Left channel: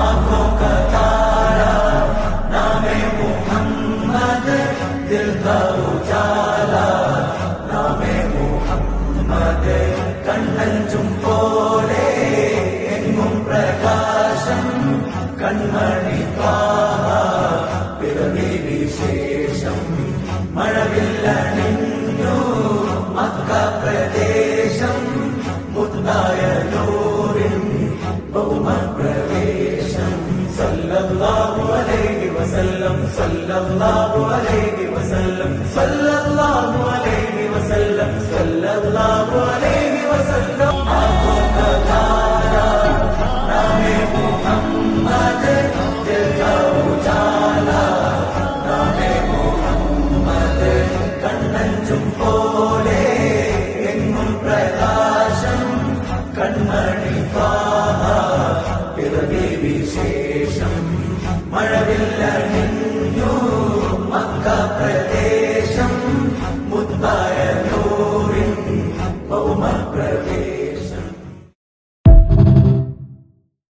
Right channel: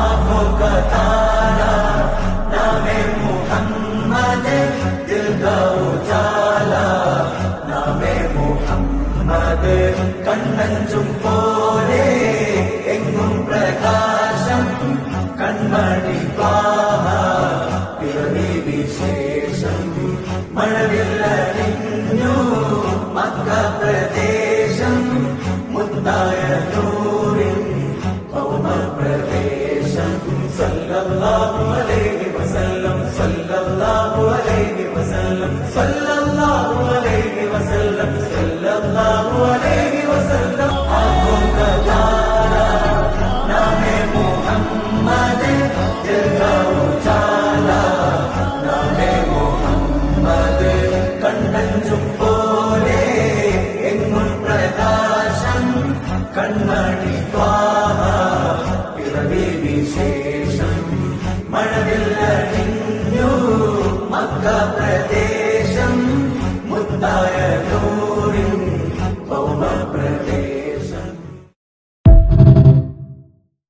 आंखों का तारा नामे मुहम्मद, दिल का उजाला नामे मुहम्मद, കണ്ണഞ്ചും പോലെ എങ്ങും പ്രകാശം കൺമണി ത്വാഹ, പിറവി വിശേഷം മഴവില്ലണിഞ്ഞു മക്ക പ്രദേശം, മുത്തായ നൂറിൻ ഭൗമപ്രവേശം. സല്ലല്ലാഹു അലൈഹി വസല്ലം, സല്ലല്ലാഹു അലൈഹി വസല്ലം, സല്ലല്ലാഹു അലൈഹി വസല്ലം, സല്ലല്ലാഹു അലൈഹി വസല്ലം. ആँखों का तारा नामे मुहम्मद, दिल का उजाला नामे मुहम्मद, കണ്ണഞ്ചും പോലെ എങ്ങും പ്രകാശം കൺമണി ത്വാഹ, പിറവി വിശേഷം മഴവില്ലണിഞ്ഞു മക്ക പ്രദേശം, മുത്തായ നൂറിൻ ഭൗമപ്രദേശം.